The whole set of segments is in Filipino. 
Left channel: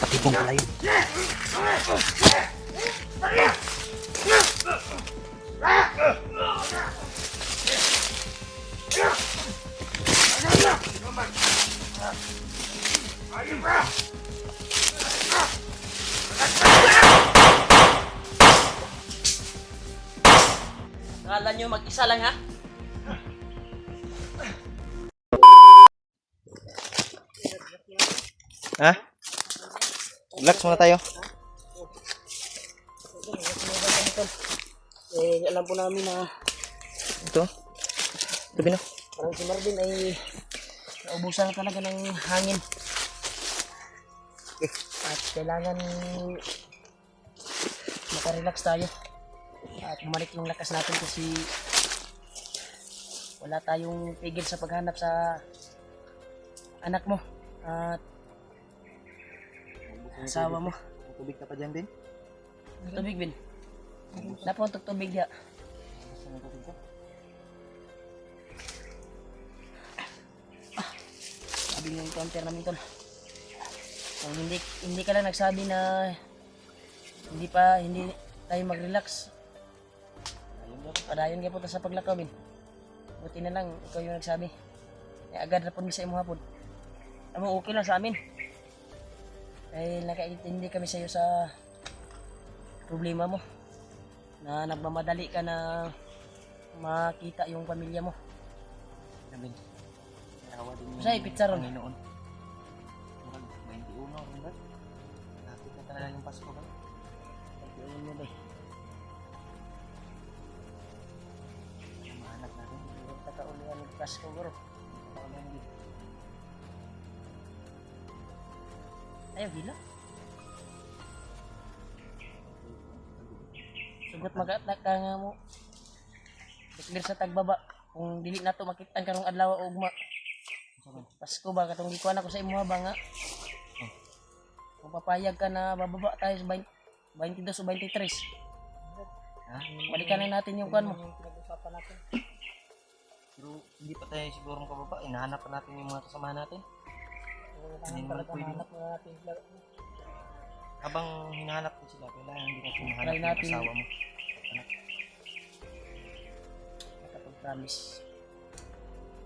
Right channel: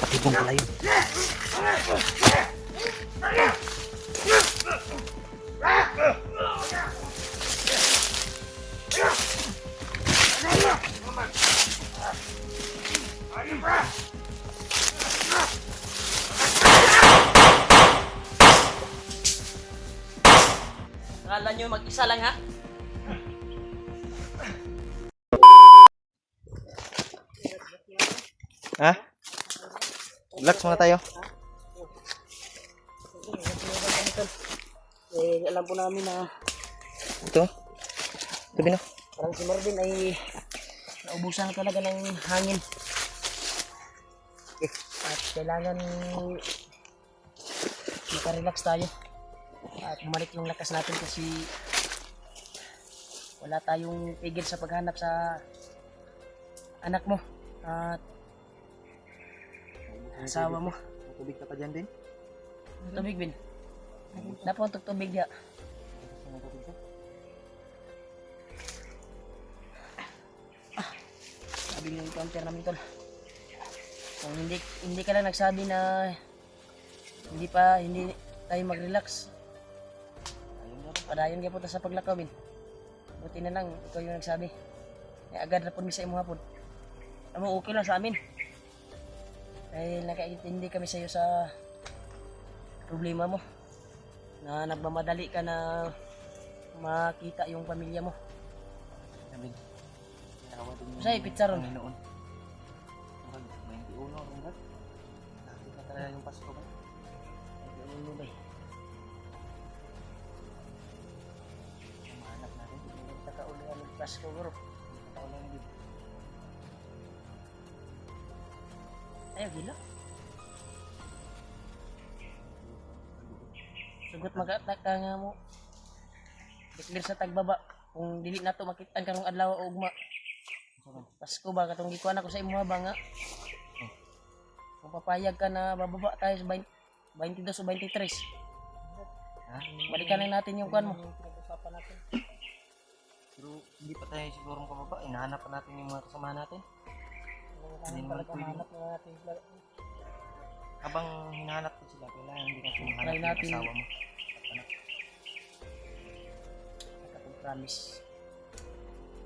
Katibong pala yun. Akala nyo mag-isa lang ha? Ha? Relax muna tayo. Alam po namin na Ito. Ito, Bino. parang si Marvin ay naubusan na talaga ng hangin. At kailangan makarelax tayo. At bumalik yung lakas natin kasi wala tayong pigil sa paghanap sa anak mo at asawa mo. Tubig ka pa dyan, Ben? Tubig, Ben. Napuntog tubig ya. Sabi yung encounter namin tol. Kung hindi ka lang nagsabi na hindi tayo mag-relax. Padayon ka po sa paglakaw, Ben. Buti na lang ikaw yung nagsabi. Ay agad na po sa imo hapon. Amo okay lang sa amin. Dahil nakaintindi kami sa iyo sa problema mo. Na nagmamadali ka na makita yung pamilya mo. Ben. Nawa din yung Say pizza ron. noon. Marag 21 ron ba? Lapit na talaga yung Pasko ba? Nag-iwan mo ba eh. Yung mga anak natin. Hindi ka kaulihan ng Pasko bro. Hindi ka ulang din. Ayaw gila. Sugot mag-atak ka nga mo. Declare sa tagbaba. Kung dili na to makitaan karong adlaw o ugma. Pasko ba katong gikuan ako sa imo ba nga. Kung papayag ka na bababa tayo sa 22 o 23. Ha? Balikan na natin yung kuan mo. Pero hindi pa tayo siguro makababa. Hinahanap pa natin yung mga kasama natin. Hindi naman pwede. Habang hinahanap ko sila, kailangan hindi natin hinahanap yung natin. asawa mo. Nakapag-promise.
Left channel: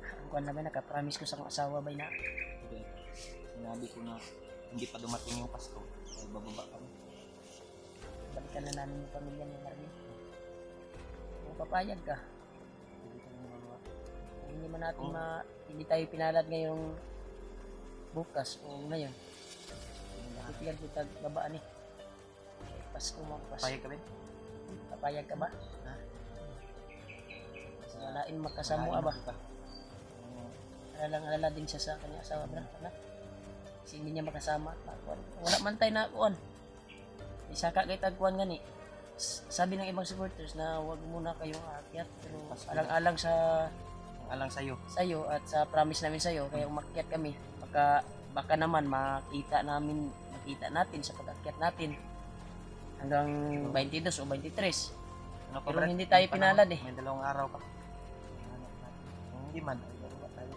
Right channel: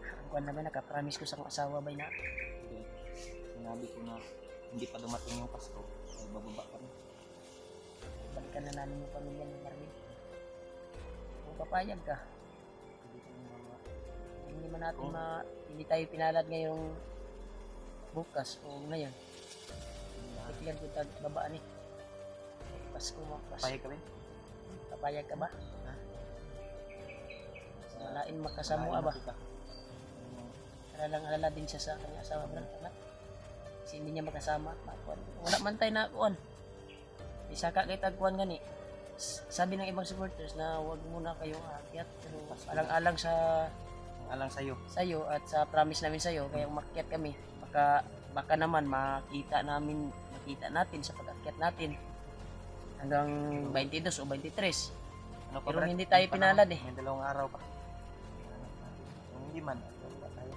Ang kuan naman nakapromise ko sa akong asawa bay na Hindi. Sinabi ko na hindi pa dumating yung Pasko. Ay bababa kami. balikan na namin yung pamilya ni Marvin. Kung papayag ka, Hindi ka lang bababa. hindi man natin hindi tayo pinalad ngayong bukas o ngayon. Declare ko tag babaan eh. Pasko mo, Pasko. Papayag ka rin? Papayag ka ba? Ha? Walain makasamo ba? Alala din siya sa kanyang asawa brad anak. Kasi hindi niya makasama. Wala man tayo na kuan. Isa ka kay tagkuan gani. Sabi ng ibang supporters na wag muna kayong aakyat pero alang-alang Alang sa'yo. sa'yo at sa promise namin sa'yo kaya umakyat kami baka naman makita natin sa pag-akyat natin hanggang 22 o 23. Pero hindi tayo pinalad eh. May 2 araw pa. Hinahanap natin. Kung hindi man, ay wala tayo.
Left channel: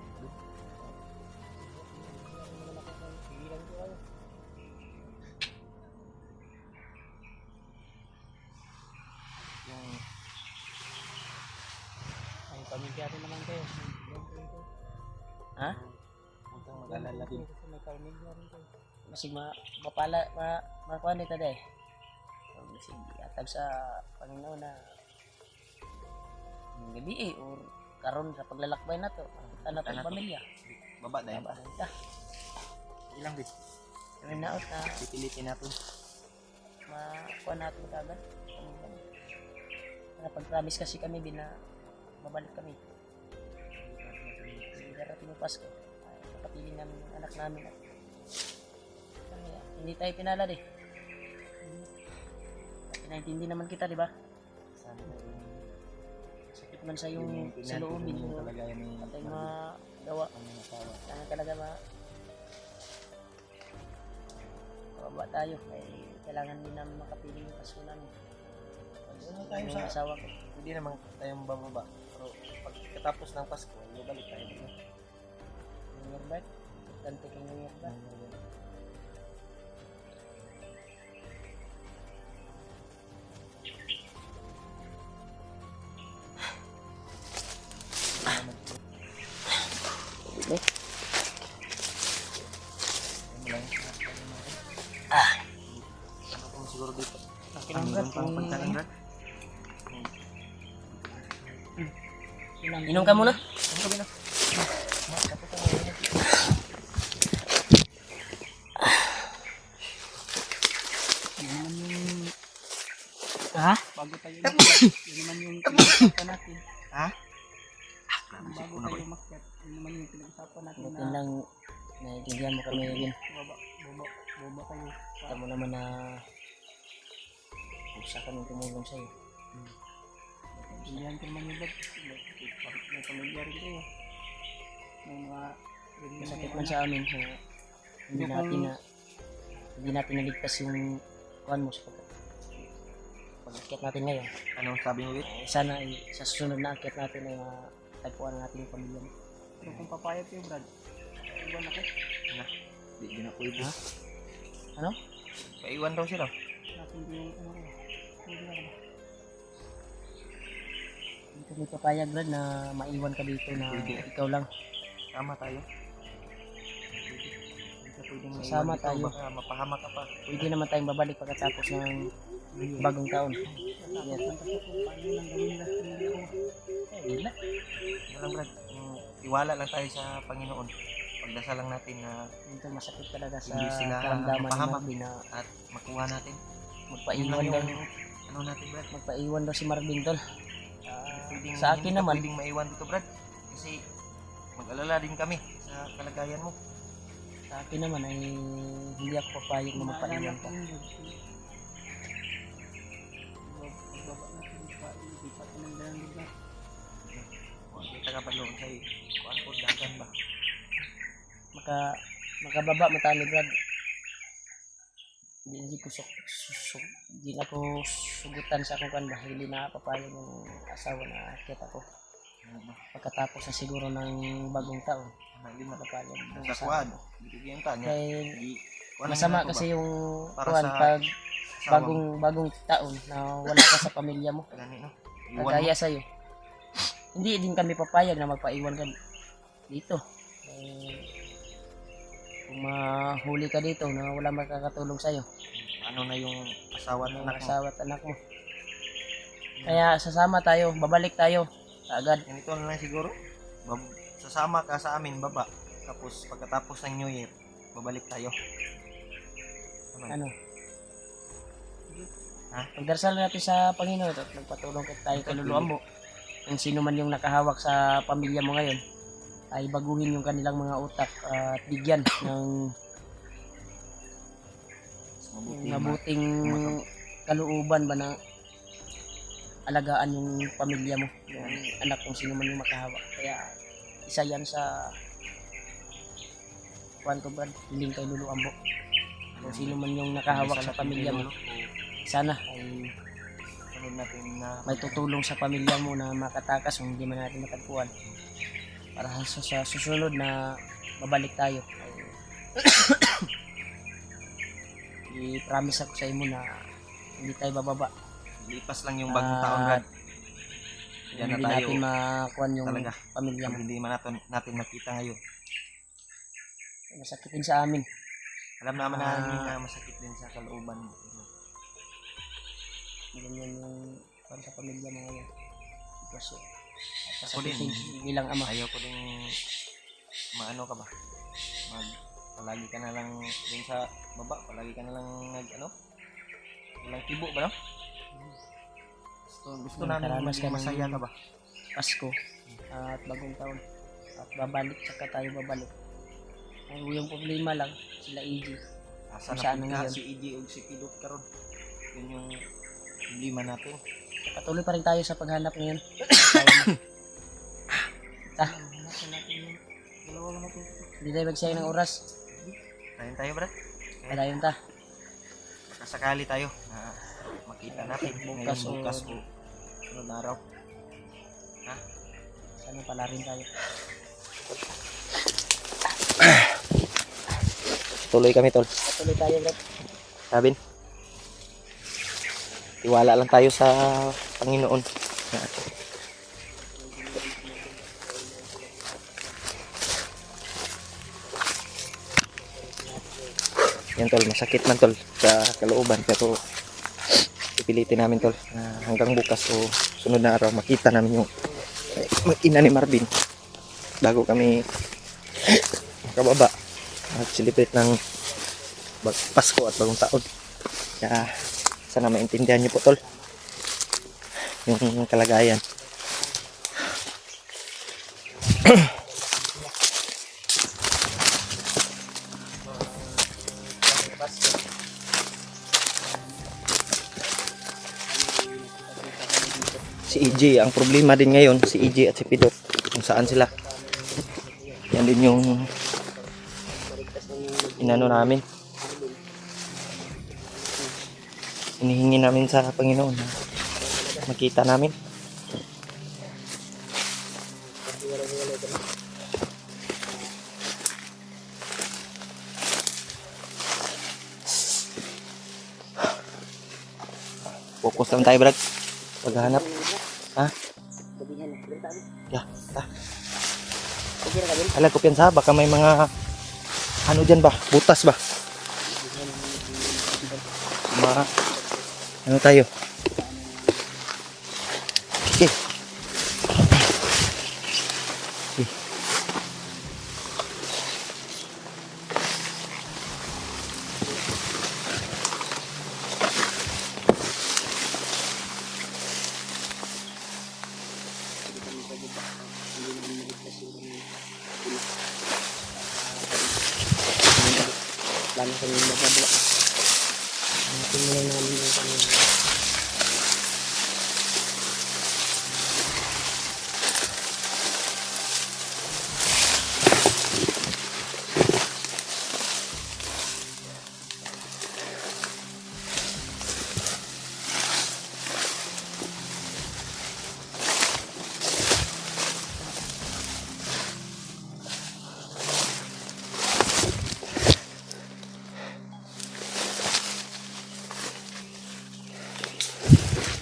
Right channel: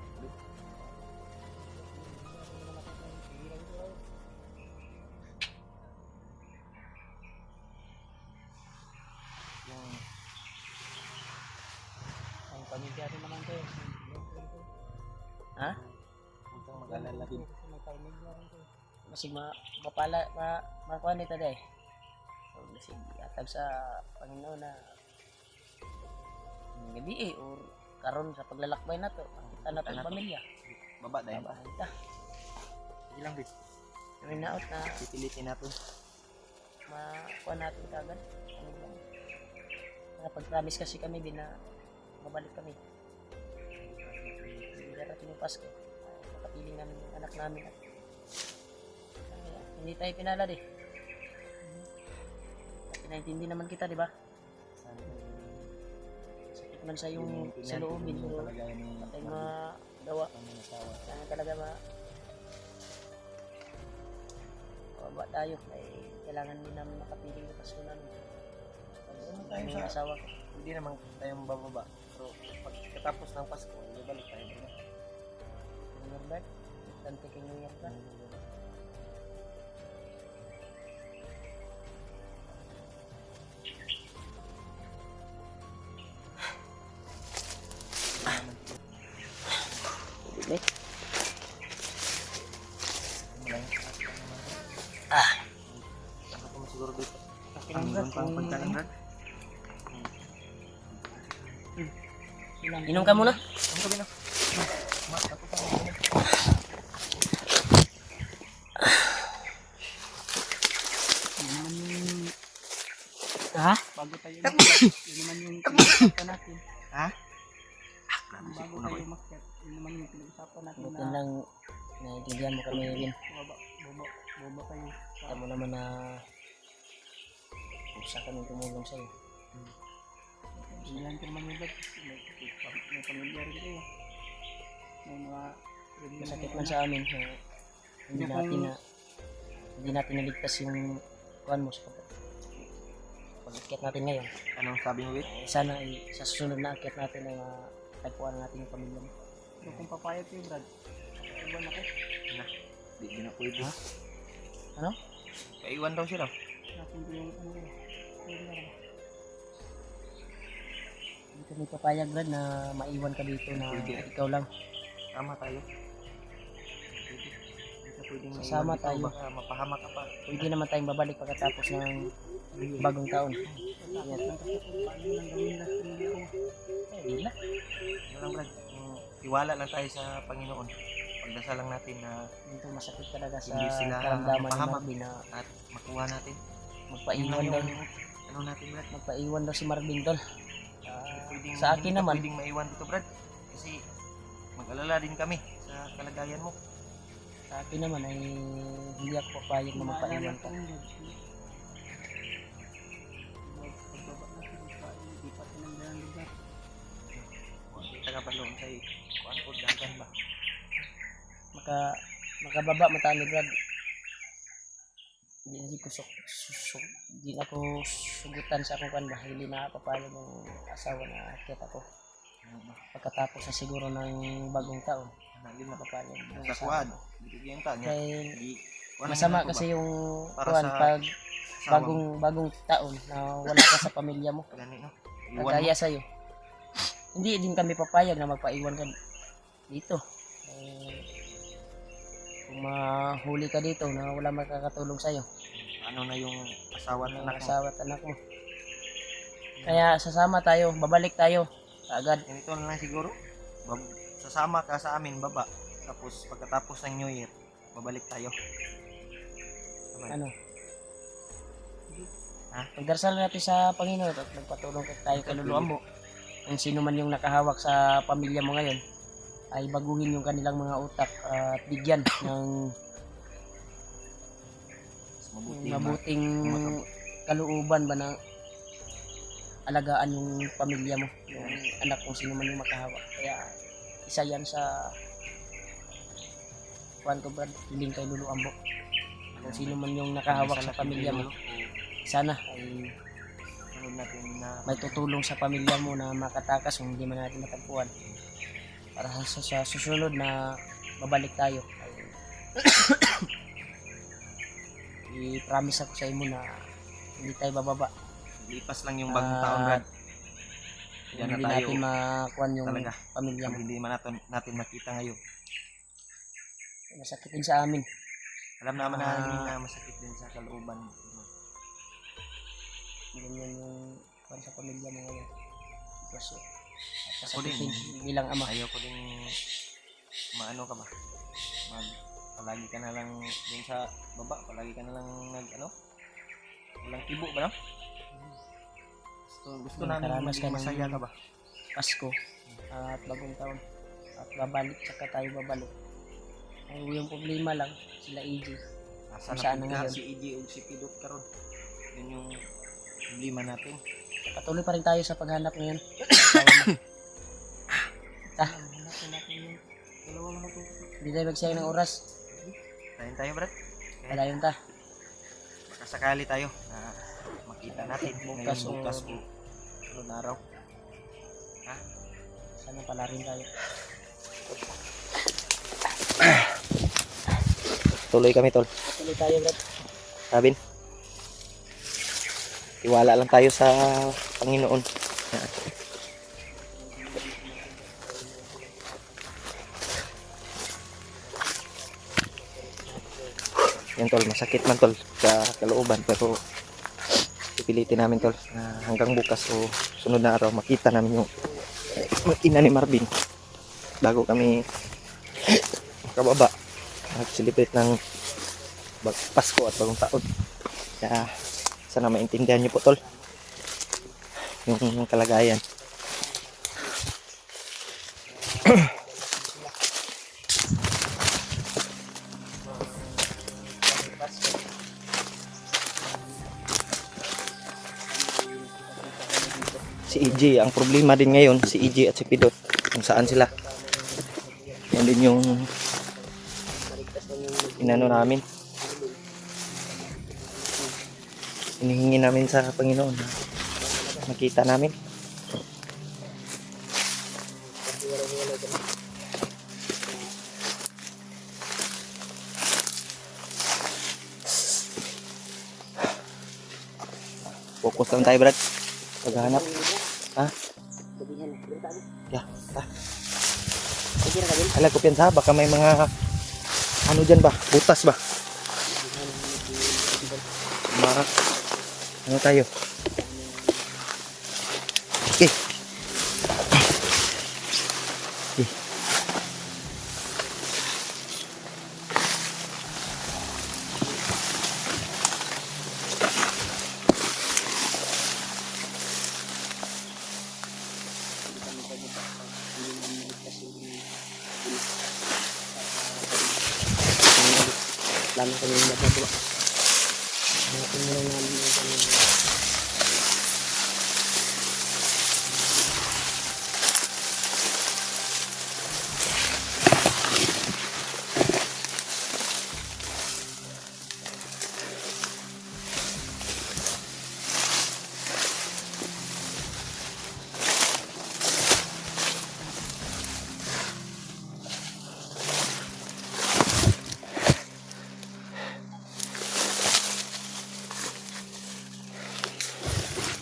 Yung Ang pamilya rin naman kayo. Ha? huwag kang mag-alala din. Masig makuha nito day. So, masig atag sa Panginoon na gabi or karon sa paglalakbay na to. Makita na tayong pamilya. Baba dahil. Baba na kita. Ilang bit. Kami na out na Pipilitin natin. makuha natin kagad. Nakapag-promise kasi kami din na babalik kami. Darating yung Pasko. Pakapiling namin yung anak namin. Hindi tayo pinalad eh. Pinaintindi naman kita, di ba? Sana Sakit man sa yung sa loobin yung pero kalagayan ni patay magawa. pangangasawa. Kailangan talaga bababa tayo. Kaya kailangan din namin makapiling yung Pasko namin. Ano tayo Yung sa asawa ko. hindi naman tayong bababa. Pero pagkatapos ng Pasko, balik tayo dito. New Year ba? Importante kay New Year ba? Ano ko siguro dito? Okay Ang lang meron ba? pang pagkain, Brad? Inom ka muna. Ano ko din ah? Tapos ang ano. Yun naman yung Ha? bago tayo umakyat. Yun naman yung pinag-usapan natin. Ha? Bago tayo umakyat. Yun naman yung pinag-usapan natin Buti na lang naiintindihan mo kami yun. baba kayo. Alam mo naman na usa kami tumulong sa'yo. Hindi ka naman yung may pamilya rin kayo. May mga Masakit man sa amin na hindi natin naligtas yung kuhan mo sa pag-akyat natin ngayon. Anong sabi mo, Wit? Sana ay sa susunod na akyat natin ay matagpuan natin yung pamilya mo. Pero kung papayat kayo, Brad, iwan ako. Di na pwede. Ha? Ano? Paiwan daw sila. Natin ko yung ano ko. Pwede na ba? Hindi kami papayag, Brad, na maiwan ka dito na Pwede. ikaw lang. Tama tayo. Pwede. Hindi ka pwedeng Sasama maiwan dito. tayo. Baka mapahamak ka pa. Pwede naman tayong babalik pagkatapos ng bagong taon. Natakot lang kasi kung paano lang gawin nila sa pamilya ko. Hindi na. Ano lang, Brad? Yung tiwala lang tayo sa Panginoon. Pagdasal lang natin na Dito masakit talaga sa Hindi sila karamdaman ni mapahamak. Marvin na at makuha natin. Yun magpaiwan lang daw. yung ano natin, Brad. Magpaiwan daw si Marvin tol. Pwedeng, Sa akin hindi naman. ka pwedeng maiwan dito, Brad. Kasi mag-alala din kami sa kalagayan mo. Sa akin naman ay hindi ako papayag na magpaiwan ka. Pagbaba natin, ilipat na ng dalang lugar. Kita ka ba doon sa kuan po dagan ba? Makababa matalo Brad. Hindi ko hindi na ko sugutan sa akong kan ba. Hindi na papayag ng asawa na akyat ako. Pagkatapos na siguro ng bagong taon. Hindi na Papayag ng sa asawa kuan. ko. Bibigyan ta niya. Kaya Kuan masama na kasi yung Para kuan sa pag asawa mo. bagong taon na wala ka sa pamilya mo. Gani no. Iwan mo. Kagaya sa'yo. Hindi din kami papayag na magpaiwan ka dito. Kung mahuli ka dito na wala makakatulong sa'yo, Ano na yung asawa at ng anak mo? asawa at anak mo. Kaya sasama tayo, babalik tayo agad. Ganito na lang siguro. Sasama ka sa amin baba. Tapos pagkatapos ng New Year, babalik tayo. Tama. Ano? Ha? Pagdarasal natin sa Panginoon at magpatulong tayo kaluluwa mo. Kung sino man yung nakahawak sa pamilya mo ngayon, ay baguhin yung kanilang mga utak at bigyan ng Mabuti mabuting kalooban ba na alagaan yung pamilya mo, yung anak kung sino man yung makahawak. Kaya isa yan sa kuwan ko Brad, hiling kay Lulu Ambo. Kung sino man yung nakahawak sa pamilya mo, sana ay sunod natin na may tutulong sa pamilya mo na makatakas kung hindi man natin matagpuan. Para sa susunod na babalik tayo ay i-promise ako sa imo na hindi tayo bababa. lipas lang yung bagong taon, Brad. Diyan na Hindi tayo. natin makuan yung Talaga. pamilya mo. Pag hindi man natin makita ngayon. Masakit din sa amin. Alam naman namin na masakit din sa kalooban. Ganyan yung kuan sa pamilya mo ngayon. Kasi Ako din. bilang ama. Ayaw ko din maano ka ba? Palagi ka na lang din sa baba, palagi ka na lang walang kibo ba no? Gusto namin Nakaranas maging ka ng masaya ka ba? Pasko at bagong taon. At babalik, saka tayo babalik. Ang yung problema lang, sila EG. Asa Kung na saan pud na ka ngayon? si EJ o si Pidot karon? Yun yung problema natin. Patuloy pa rin tayo sa paghanap ngayon. Hanapin natin yung dalawa lang natin. Hindi tayo magsayang ng oras. Tayo, Brad. Padayon ta. Baka sakali tayo na makita natin Bukas ngayon, bukas o sunod na araw. Sana pala rin tayo. Tuloy kami, tol. Tuloy tayo, bro. Sabin, tiwala lang tayo sa Panginoon. Yan, tol, masakit man, tol, sa kalooban, pero pipilitin namin, tol, na hanggang bukas o sunod na araw makita namin yung ina ni Marvin bago kami makababa at celebrate ng Pasko at bagong taon. Kaya sana maintindihan niyo po, tol, yung kalagayan. Si EJ, ang problema din ngayon, si EJ at si Pidot, kung saan sila. Yan din yung inano namin. Hinihingi namin sa Panginoon na makita namin. Focus lang tayo, Brad. Paghahanap. Ha? Ya, ala ko piyansa, baka may mga ano dyan ba? Butas ba? Ano tayo? Okay. Okay. Lalo kami magagawa. Tingnan namin yung kami.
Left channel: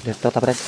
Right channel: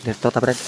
Dito ta, Brad.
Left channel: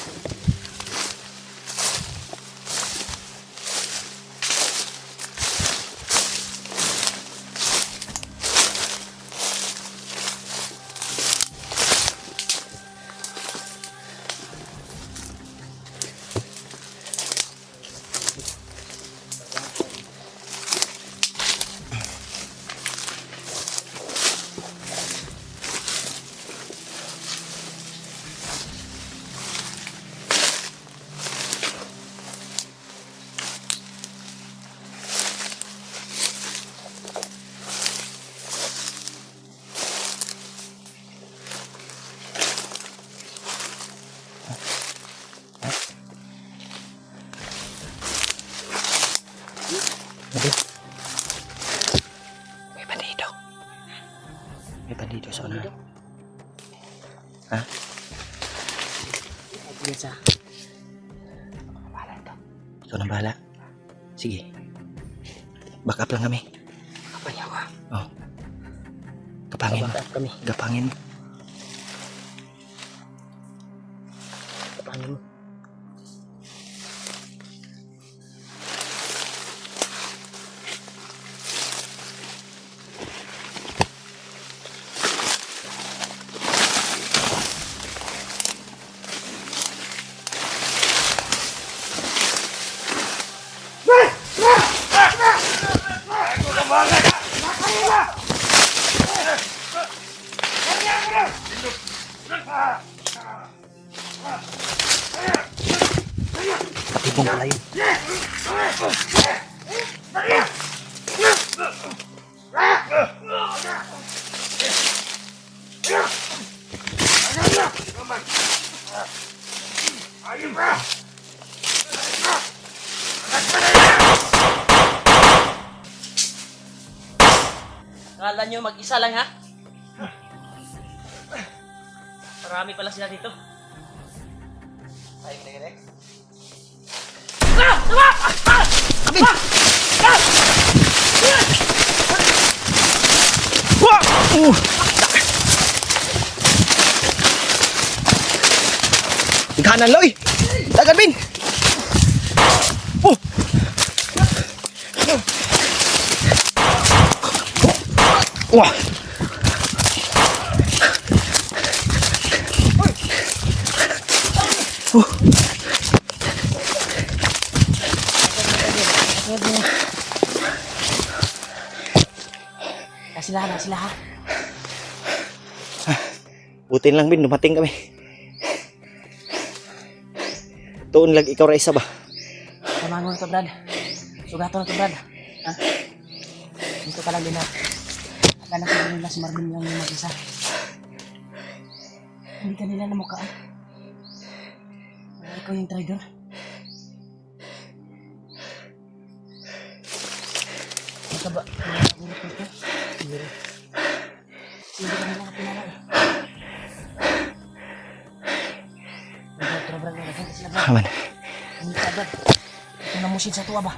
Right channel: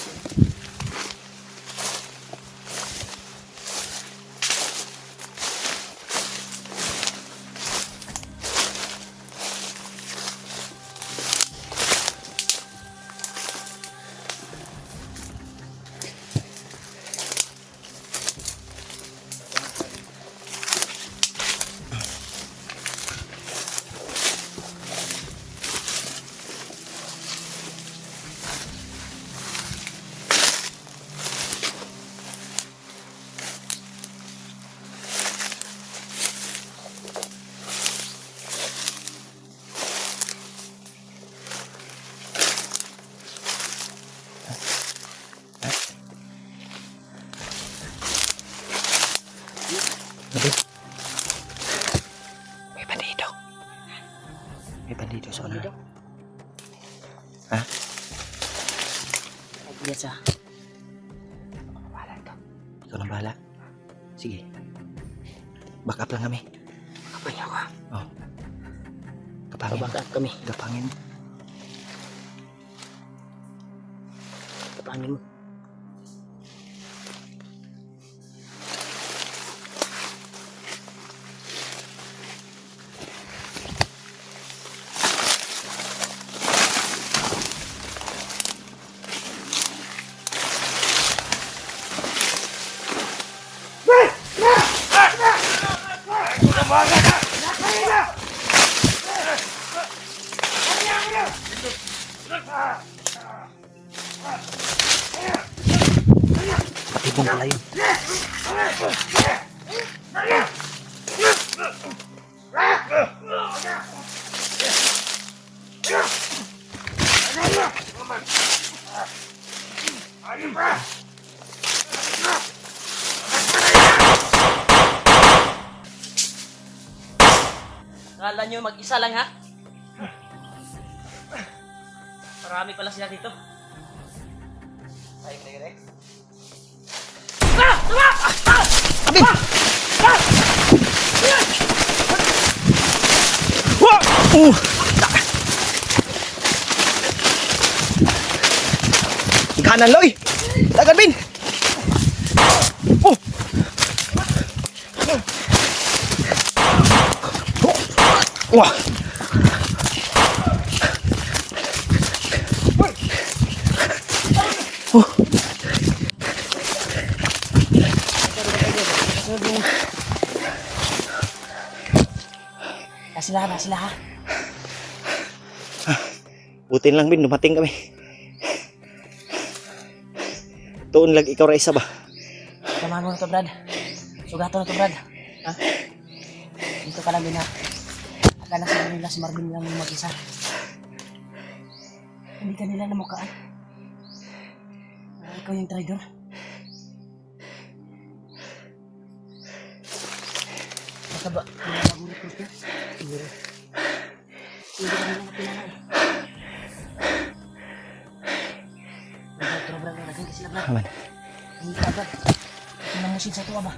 May bandido. May bandido sa unahan. Ha? Yes, ah. Bahala ito. Ikaw nang bahala. Sige. Back up lang kami. Kapanya ako. Oh. Kapangin. Back up kami. Gapangin. Kapangin mo. Patibong pala yun. Akala nyo mag-isa lang, ha? Marami pala sila dito. Ay, direct. Abin! Ikanan, Loy! Dagan, Bin! Wah! Na sila ha. Butin lang, Bin, dumating kami. Tuon lang ikaw ra isa ba? Tama mo na to, Brad. Sugato na to, Brad. Ha? Dito ka lang din ha. Akala siguro nila si Marvin lang yung mag-isa. Hindi ka nila namukaan. Ikaw yung traitor. Ito ba? Nagulot ko ito? Siguro. Hindi ka nila kapilala. Brad, Brad, naging sila, Brad. Aman. Hindi ka, Brad. Ito na musin sa tuwa ba?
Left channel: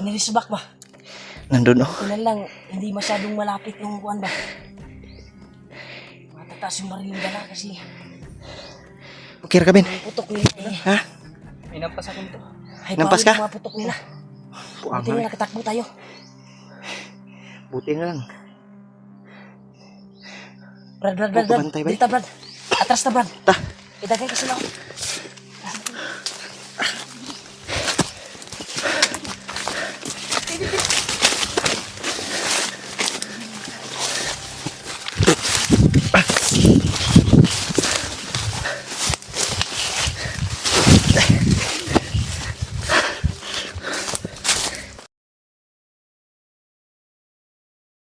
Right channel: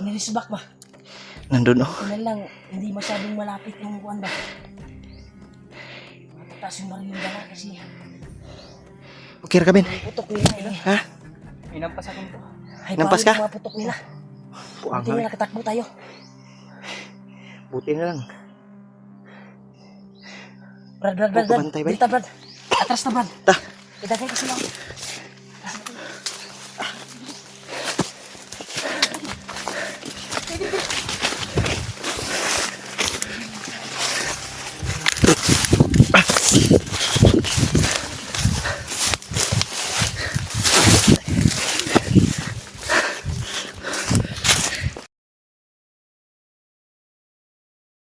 Nilisbak ba? Nandun, oh. Ito na lang, hindi masyadong malapit yung kuwan ba? Matataas yung baril yung dala kasi Okay ra ka, Bin? putok nila eh. Ha? Inampas ako nito. Ay, Nampas bawal ka? yung mga putok nila. Puang Buti kami. na nakatakbo tayo. Buti na lang. Brad, Huwag ka bantay, bay. Dito, Brad. Atras na, Brad. Ta. Idagay ka sila.